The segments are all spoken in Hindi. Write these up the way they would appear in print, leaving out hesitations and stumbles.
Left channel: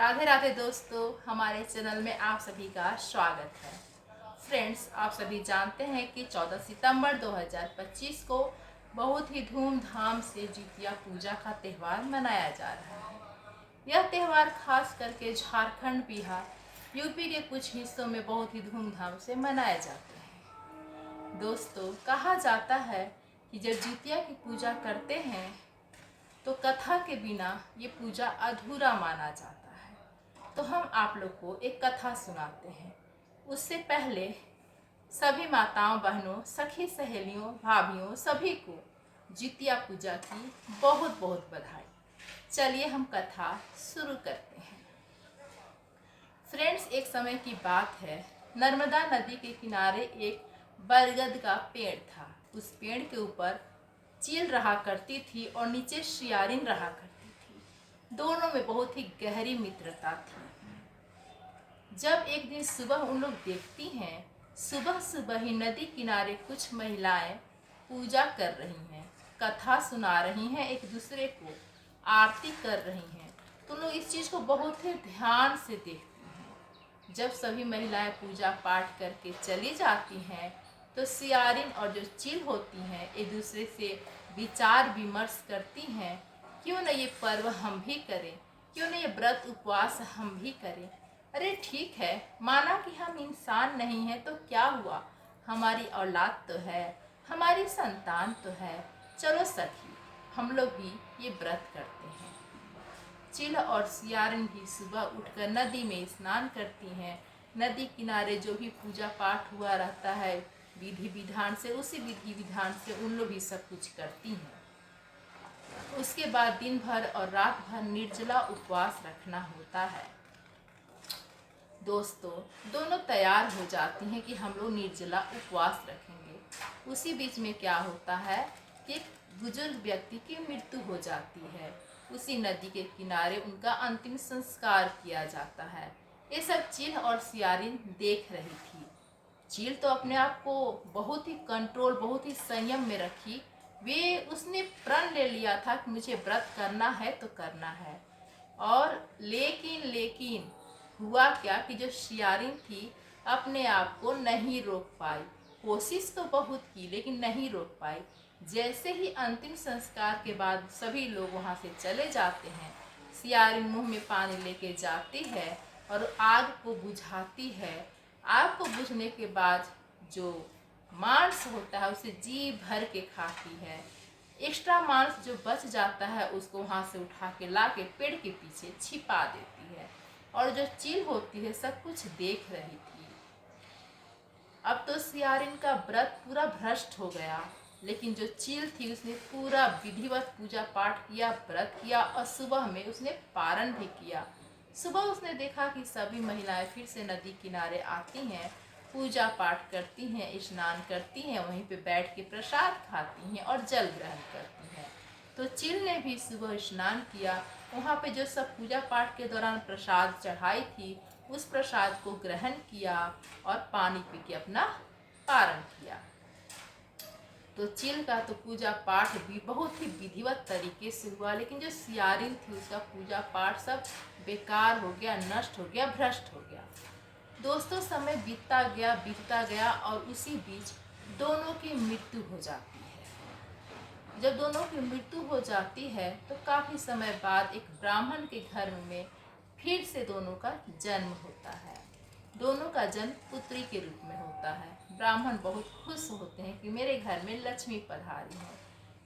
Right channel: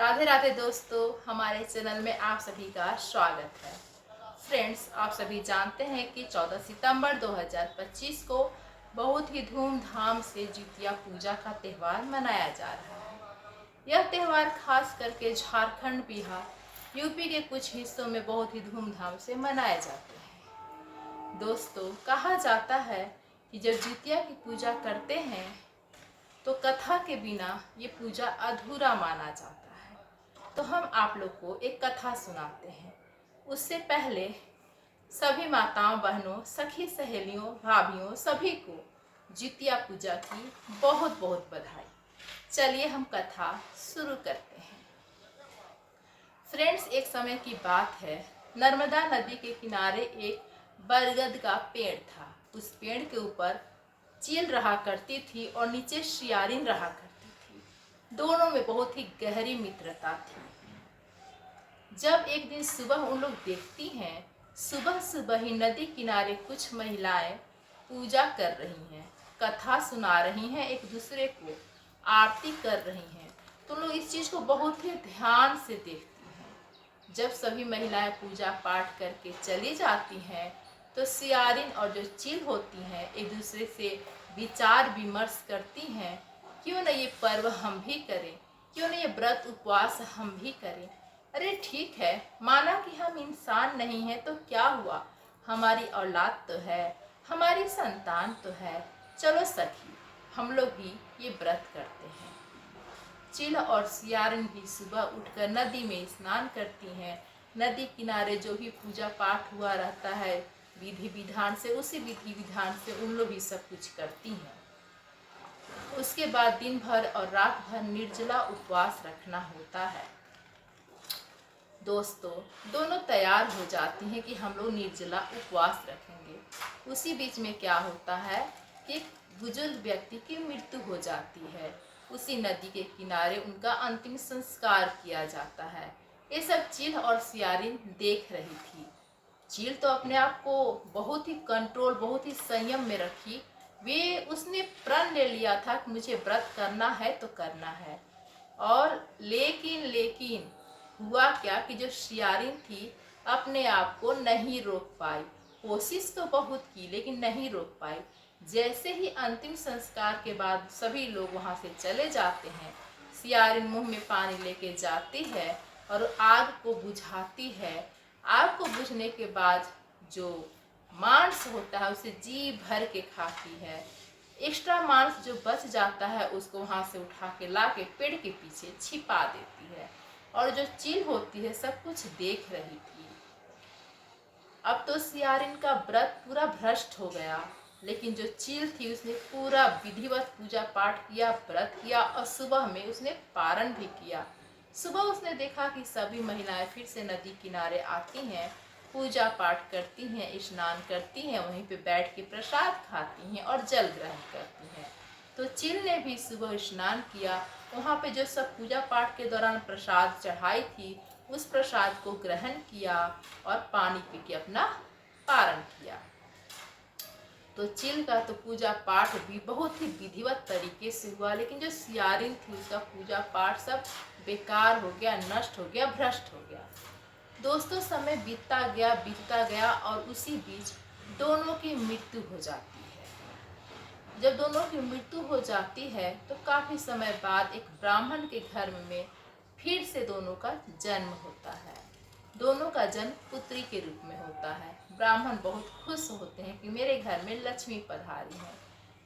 राधे राधे दोस्तों, हमारे चैनल में आप सभी का स्वागत है। फ्रेंड्स, आप सभी जानते हैं कि 14 सितंबर 2025 को बहुत ही धूमधाम से जितिया पूजा का त्यौहार मनाया जा रहा है। यह त्यौहार खास करके झारखंड, बिहार, यूपी के कुछ हिस्सों में बहुत ही धूमधाम से मनाए जाते हैं। दोस्तों, कहा जाता है कि जब जितिया की पूजा करते हैं तो कथा के बिना ये पूजा अधूरा माना जाता है। तो हम आप लोग को एक कथा सुनाते हैं। उससे पहले सभी माताओं, बहनों, सखी, सहेलियों, भाभीियों सभी को जितिया पूजा की बहुत बहुत बधाई। चलिए हम कथा शुरू करते हैं। फ्रेंड्स, एक समय की बात है, नर्मदा नदी के किनारे एक बरगद का पेड़ था। उस पेड़ के ऊपर चील रहा करती थी और नीचे सियारिन रहा करती थी। दोनों में बहुत ही गहरी मित्रता थी। जब एक दिन सुबह उन लोग देखती हैं, सुबह सुबह ही नदी किनारे कुछ महिलाएं पूजा कर रही हैं, कथा सुना रही हैं, एक दूसरे को आरती कर रही हैं। तो लोग इस चीज़ को बहुत ही ध्यान से देखती हैं। जब सभी महिलाएं पूजा पाठ करके चली जाती हैं तो सियारिन और जो चील होती हैं एक दूसरे से विचार विमर्श करती हैं, क्यों न ये पर्व हम भी करें, क्यों न ये व्रत उपवास हम भी करें। अरे ठीक है, माना कि हम इंसान नहीं हैं तो क्या हुआ, हमारी औलाद तो है, हमारी संतान तो है, चलो सखी हम लोग भी ये व्रत करते हैं। चील और सियारिन भी सुबह उठकर नदी में स्नान करती हैं। नदी किनारे जो भी पूजा पाठ हुआ रहता है विधि विधान से, उसी विधि विधान से उन लोग भी सब कुछ करती हैं। उसके बाद दिन भर और रात भर निर्जला उपवास रखना होता है। दोस्तों, दोनों तैयार हो जाती हैं कि हम लोग निर्जला उपवास रखेंगे। उसी बीच में क्या होता है कि एक बुजुर्ग व्यक्ति की मृत्यु हो जाती है। उसी नदी के किनारे उनका अंतिम संस्कार किया जाता है। ये सब चील और सियारिन देख रही थी। चील तो अपने आप को बहुत ही कंट्रोल, बहुत ही संयम में रखी। उसने प्रण ले लिया था कि मुझे व्रत करना है तो करना है। और लेकिन हुआ क्या कि जो सियारिन थी अपने आप को नहीं रोक पाई। कोशिश तो बहुत की लेकिन नहीं रोक पाई। जैसे ही अंतिम संस्कार के बाद सभी लोग वहाँ से चले जाते हैं, सियारिन मुंह में पानी लेके जाती है और आग को बुझाती है। आग को बुझने के बाद जो मांस होता है उसे जी भर के खाती है। एक्स्ट्रा मांस जो बच जाता है उसको वहाँ से उठा के ला के पेड़ के पीछे छिपा देती है। और जो चील होती है सब कुछ देख रही थी। अब तो सियारिन का व्रत पूरा भ्रष्ट हो गया, लेकिन जो चील थी उसने पूरा विधिवत पूजा पाठ किया, व्रत किया और सुबह में उसने पारण भी किया। सुबह उसने देखा कि सभी महिलाएं फिर से नदी किनारे आती हैं, पूजा पाठ करती हैं, स्नान करती हैं, वहीं पे बैठ के प्रसाद खाती हैं और जल ग्रहण करती हैं। तो चील ने भी सुबह स्नान किया। वहाँ पे जो सब पूजा पाठ के दौरान प्रसाद चढ़ाई थी उस प्रसाद को ग्रहण किया और पानी पी के अपना पारण किया। तो चील का तो पूजा पाठ भी बहुत ही विधिवत तरीके से हुआ, लेकिन जो सियारिन थी उसका पूजा पाठ सब बेकार हो गया, नष्ट हो गया, भ्रष्ट हो गया। दोस्तों, समय बीतता गया और उसी बीच दोनों की मृत्यु हो जाती है। जब दोनों की मृत्यु हो जाती है तो काफ़ी समय बाद एक ब्राह्मण के घर में फिर से दोनों का जन्म होता है। दोनों का जन्म पुत्री के रूप में होता है। ब्राह्मण बहुत खुश होते हैं कि मेरे घर में लक्ष्मी पधारी है।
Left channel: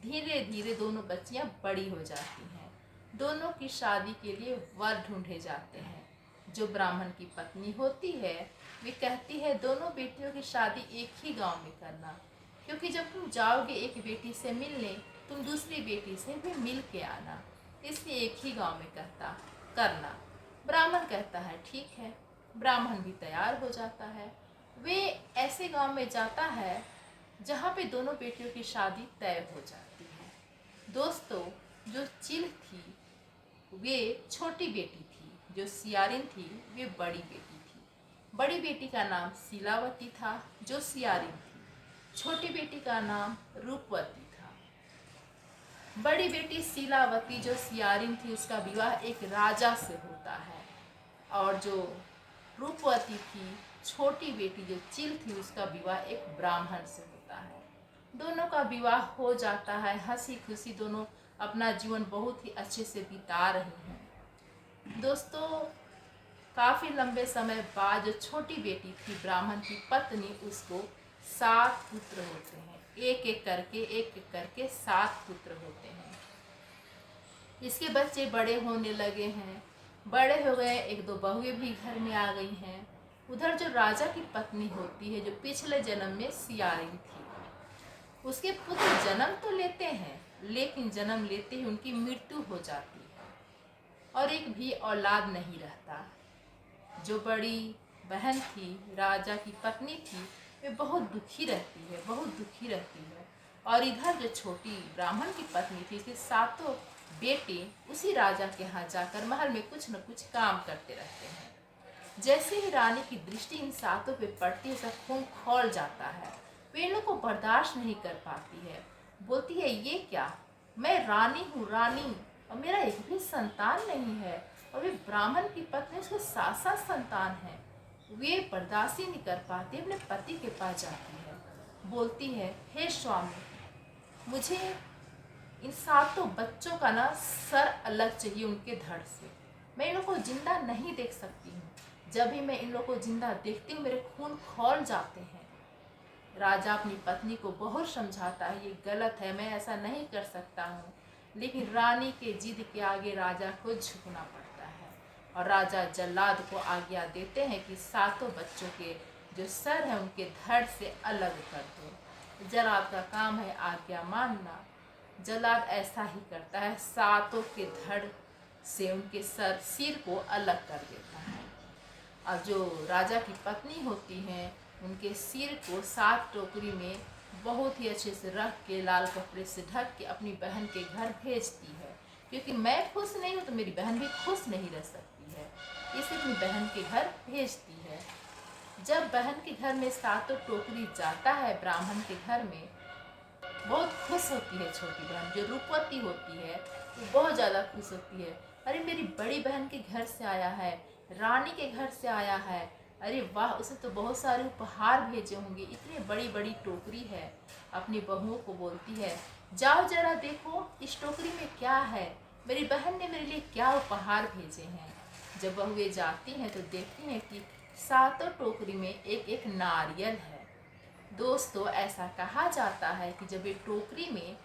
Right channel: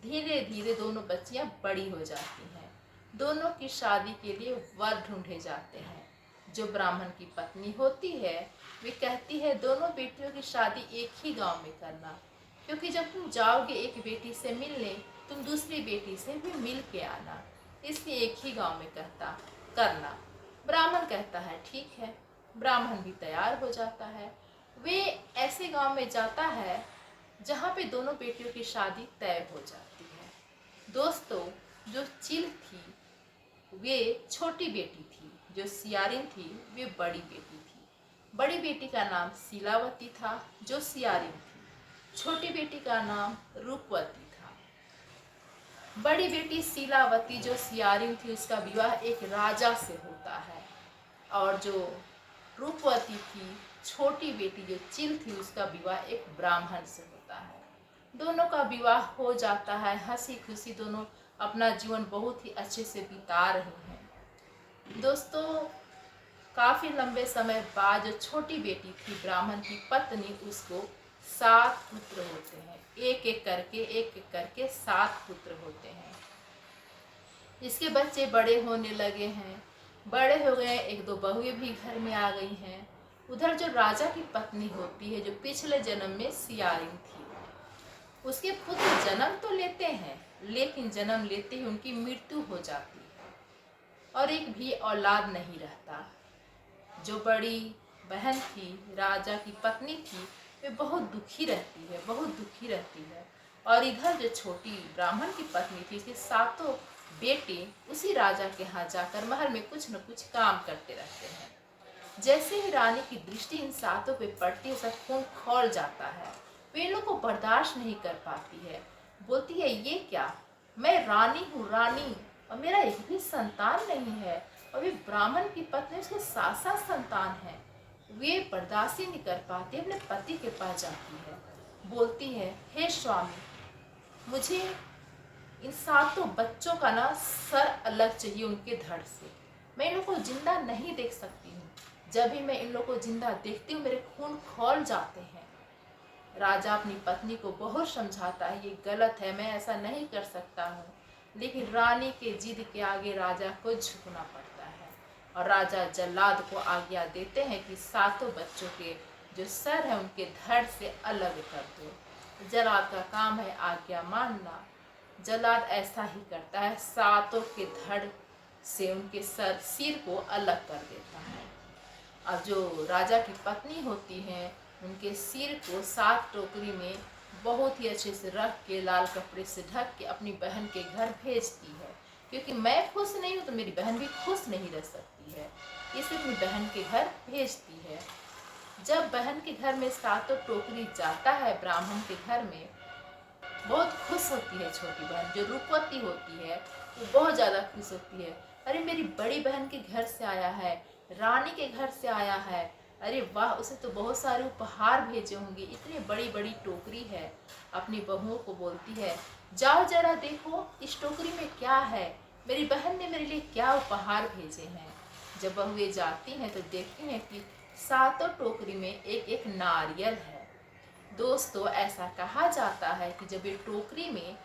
धीरे धीरे दोनों बच्चियां बड़ी हो जाती हैं। दोनों की शादी के लिए वर ढूंढे जाते हैं। जो ब्राह्मण की पत्नी होती है वे कहती है दोनों बेटियों की शादी एक ही गांव में करना, क्योंकि जब तुम जाओगे एक बेटी से मिलने तुम दूसरी बेटी से भी मिल के आना, इसलिए एक ही गांव में करना। ब्राह्मण कहता है ठीक है। ब्राह्मण भी तैयार हो जाता है। वे ऐसे गांव में जाता है जहाँ पे दोनों बेटियों की शादी तय हो जाती है। दोस्तों, जो चील थी वे छोटी बेटी थी, जो सियारिन थी वे बड़ी बेटी थी। बड़ी बेटी का नाम शीलावती था जो सियारिन थी। छोटी बेटी का नाम रूपवती था। बड़ी बेटी शीलावती जो सियारिन थी उसका विवाह एक राजा से होता है। और जो रूपवती थी, छोटी बेटी जो चिल थी, उसका विवाह एक ब्राह्मण से होता है। दोनों का विवाह हो जाता है, हंसी खुशी दोनों अपना जीवन बहुत ही अच्छे से बिता रही हैं। दोस्तों, काफ़ी लंबे समय बाद जो छोटी बेटी थी ब्राह्मण की पत्नी, उसको 7 पुत्र होते हैं। एक एक करके 7 पुत्र होते हैं। इसके बच्चे बड़े होने लगे हैं, बड़े हो गए, 1-2 बहुएं भी घर में आ गई हैं। उधर जो राजा की पत्नी होती है, जो पिछले जन्म में सियारिन थी, उसके पुत्र जन्म तो लेते हैं, लेकिन जन्म लेते ही उनकी मृत्यु हो जाती है और एक भी औलाद नहीं रहता। जो बड़ी बहन थी, राजा की पत्नी थी, वे बहुत दुखी रहती है, बहुत दुखी रहती है। और इधर जो छोटी ब्राह्मण की पत्नी थी, इसके 7 बेटे उसी राजा के यहाँ जाकर महल में कुछ न कुछ काम करते रहते हैं। जैसे ही रानी की दृष्टि इन 7 पे पड़ती है, सब खून खौल जाता है। वे इन लोग को बर्दाश्त नहीं कर पाती है। बोलती है, ये क्या, मैं रानी हूँ, रानी, और मेरा एक भी संतान नहीं है, और वे ब्राह्मण की पत्नी, उसके 7 संतान हैं। वे बर्दाश्त ही नहीं कर पाती, अपने पति के पास जाती है। बोलती है, हे स्वामी, मुझे इन 7 बच्चों का ना सर अलग चाहिए उनके धड़ से। मैं इन लोग को जिंदा नहीं देख सकती हूँ। जब भी मैं इन लोग को जिंदा देखती हूँ, मेरे खून खौल जाते हैं। राजा अपनी पत्नी को बहुत समझाता है, ये गलत है, मैं ऐसा नहीं कर सकता हूँ, लेकिन रानी के जिद के आगे राजा को झुकना पड़ता है। और राजा जल्लाद को आज्ञा देते हैं कि 7 बच्चों के जो सर है उनके धड़ से अलग कर दो। जल्लाद का काम है आज्ञा मानना। जल्लाद ऐसा ही करता है, 7 के धड़ से उनके सिर को अलग कर देता है। अब जो राजा की पत्नी होती हैं, उनके सिर को 7 टोकरी में बहुत ही अच्छे से रख के, लाल कपड़े से ढक के अपनी बहन के घर भेजती है, क्योंकि मैं खुश नहीं हूँ तो मेरी बहन भी खुश नहीं रह सकती है, इसे अपनी बहन के घर भेजती है। जब बहन के घर में 7 टोकरी जाता है ब्राह्मण के घर में, बहुत खुश होती है छोटी बहन, जो रूपवती होती है, वो बहुत ज़्यादा खुश होती है। अरे, मेरी बड़ी बहन के घर से आया है, रानी के घर से आया है, अरे वाह, उसे तो बहुत सारे उपहार भेजे होंगे, इतनी बड़ी बड़ी टोकरी है। अपनी बहुओं को बोलती है, जाओ जरा देखो इस टोकरी में क्या है, मेरी बहन ने मेरे लिए क्या उपहार भेजे हैं। जब बहुएं जाती हैं तो देखती हैं कि 7 टोकरी में एक एक नारियल है। दोस्तों, ऐसा कहा जाता है कि जब ये टोकरी में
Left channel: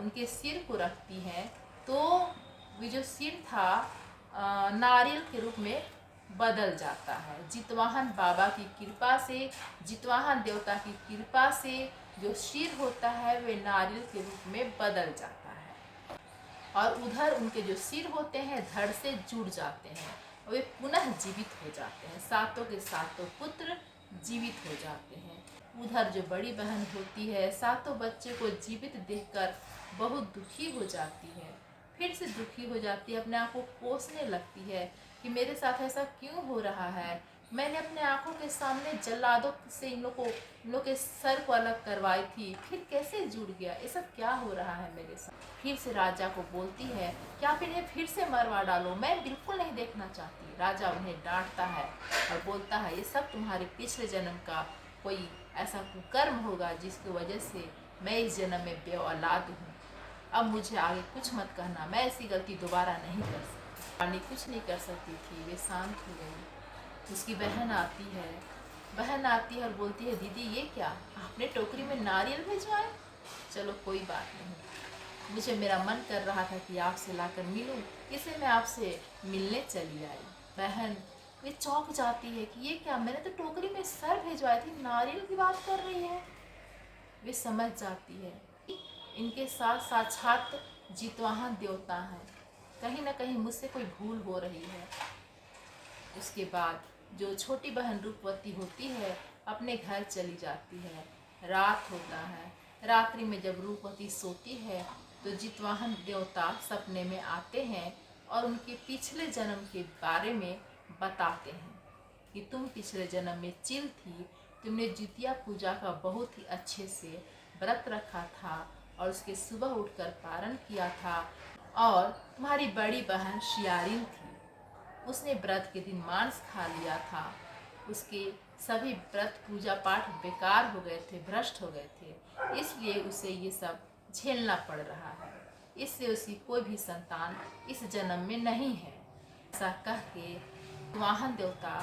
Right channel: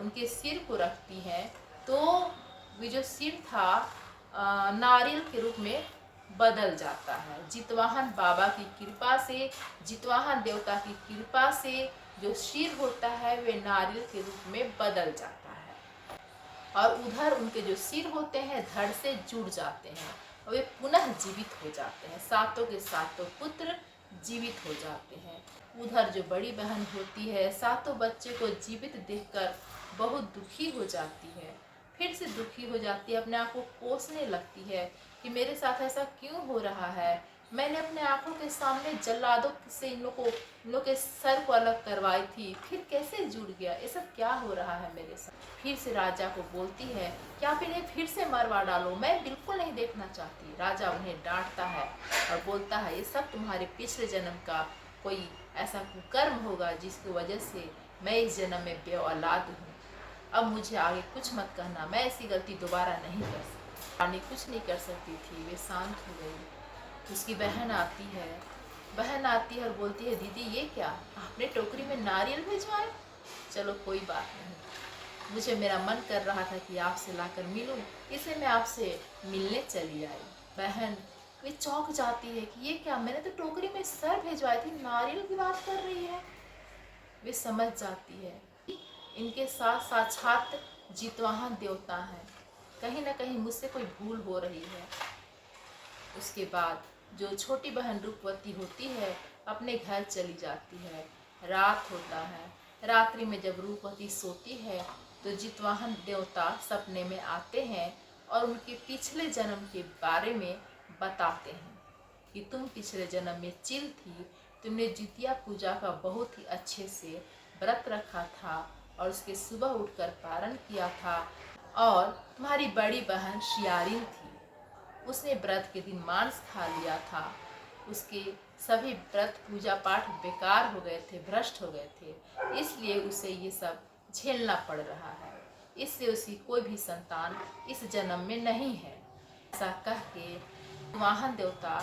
उनके सिर को रखती हैं, तो वे जो सिर था नारियल के रूप में बदल जाता है। जितवाहन बाबा की कृपा से, जितवाहन देवता की कृपा से जो सिर होता है वे नारियल के रूप में बदल जाता है, और उधर उनके जो सिर होते हैं धड़ से जुड़ जाते हैं और वे पुनः जीवित हो जाते हैं। 7 के 7 पुत्र जीवित हो जाते हैं। उधर जो बड़ी बहन होती है, 7 बच्चे को जीवित देखकर बहुत दुखी हो जाती है, फिर से दुखी हो जाती है, अपने आप को कोसने लगती है कि मेरे साथ ऐसा क्यों हो रहा है। मैंने अपने आंखों के सामने जल्लादों से इन लोग के सर को अलग करवाई थी, फिर कैसे जुड़ गया, ये सब क्या हो रहा है मेरे साथ। फिर से राजा को बोलती है, क्या आप इन्हें फिर से मरवा डालो, मैं बिल्कुल नहीं देखना चाहती। राजा उन्हें डांटता है और बोलता है, ये सब तुम्हारे पिछले जन्म का कोई ऐसा कुकर्म होगा जिसकी वजह से मैं इस जन्म में बेऔलाद हूँ। अब मुझे आगे कुछ मत कहना, मैं ऐसी गलती दोबारा नहीं कर सकती। रानी कुछ नहीं कर सकती थी, वे शांत हो गई। उसकी बहन आती है और बोलती है, दीदी ये क्या, आपने टोकरी में नारियल भिजवाए। चलो कोई बात नहीं, मुझे मेरा मन कर रहा था कि आपसे लाकर मिलूं, इसलिए मैं आपसे मिलने चली आई। बहन वे चौंक जाती है कि ये क्या, मैंने तो टोकरी में सर भिजवाई थी, नारियल की बात कर रही है। वे समझ जाती है इनके साथ साक्षात जितवाहन देवता हैं, कहीं ना कहीं मुझसे कोई भूल हो रही है। उसके बाद जो छोटी बहन रूपवती होती है अपने घर चली जाती है। रात होता है, रात्रि में जब रूपवती सोती है तो जितवाहन देवता सपने में आते हैं और उनके पिछले जन्म के बारे में बताते हैं कि तुम पिछले जन्म में चिल थी, तुमने जितिया पूजा का बहुत ही अच्छे से व्रत रखा था और उसके सुबह उठकर पारण किया था, और तुम्हारी बड़ी बहन शियारिन थी, उसने व्रत के दिन मांस खा लिया था। उसके सभी व्रत पूजा पाठ बेकार हो गए थे, भ्रष्ट हो गए थे, इसलिए उसे ये सब झेलना पड़ रहा है। इससे उसकी कोई भी संतान इस जन्म में नहीं है। ऐसा कह के वाहन देवता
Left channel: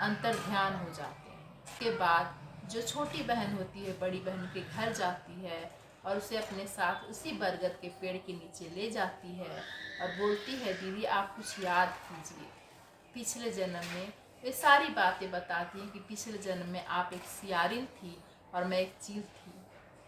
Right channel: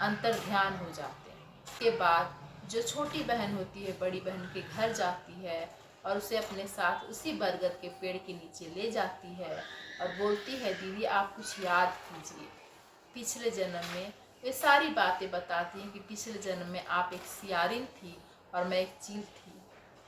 अंतर्ध्यान हो जाते हैं। इसके बाद जो छोटी बहन होती है बड़ी बहन के घर जाती है और उसे अपने साथ उसी बरगद के पेड़ के नीचे ले जाती है और बोलती है, दीदी आप कुछ याद कीजिए पिछले जन्म में। वे सारी बातें बताती हैं कि पिछले जन्म में आप एक सियारिन थी और मैं एक चील थी।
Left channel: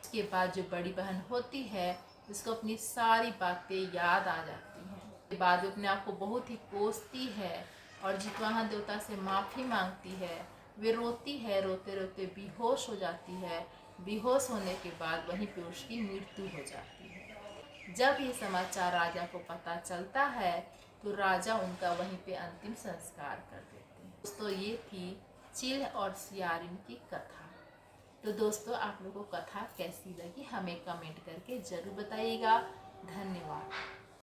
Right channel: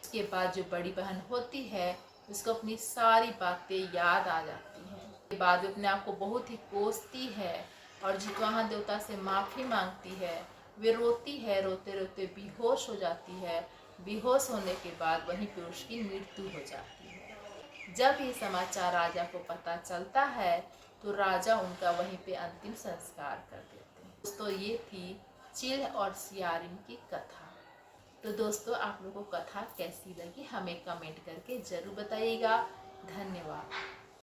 उसके बाद जो बड़ी बहन होती है उसको अपनी सारी बातें याद आ जाती हैं। उसके बाद वो अपने आप को बहुत ही कोसती है और जितवाहन देवता से माफ़ी मांगती है। वे रोती है, रोते रोते बेहोश हो जाती है। बेहोश होने के बाद वहीं पे उसकी मृत्यु हो जाती है। जब ये समाचार राजा को पता चलता है तो राजा उनका वहीं पे अंतिम संस्कार कर देते हैं। दोस्तों ये थी चील और सियारिन की कथा। तो दोस्तों आप लोगों को कथा कैसी लगी हमें कमेंट करके ज़रूर बताइएगा। धन्यवाद।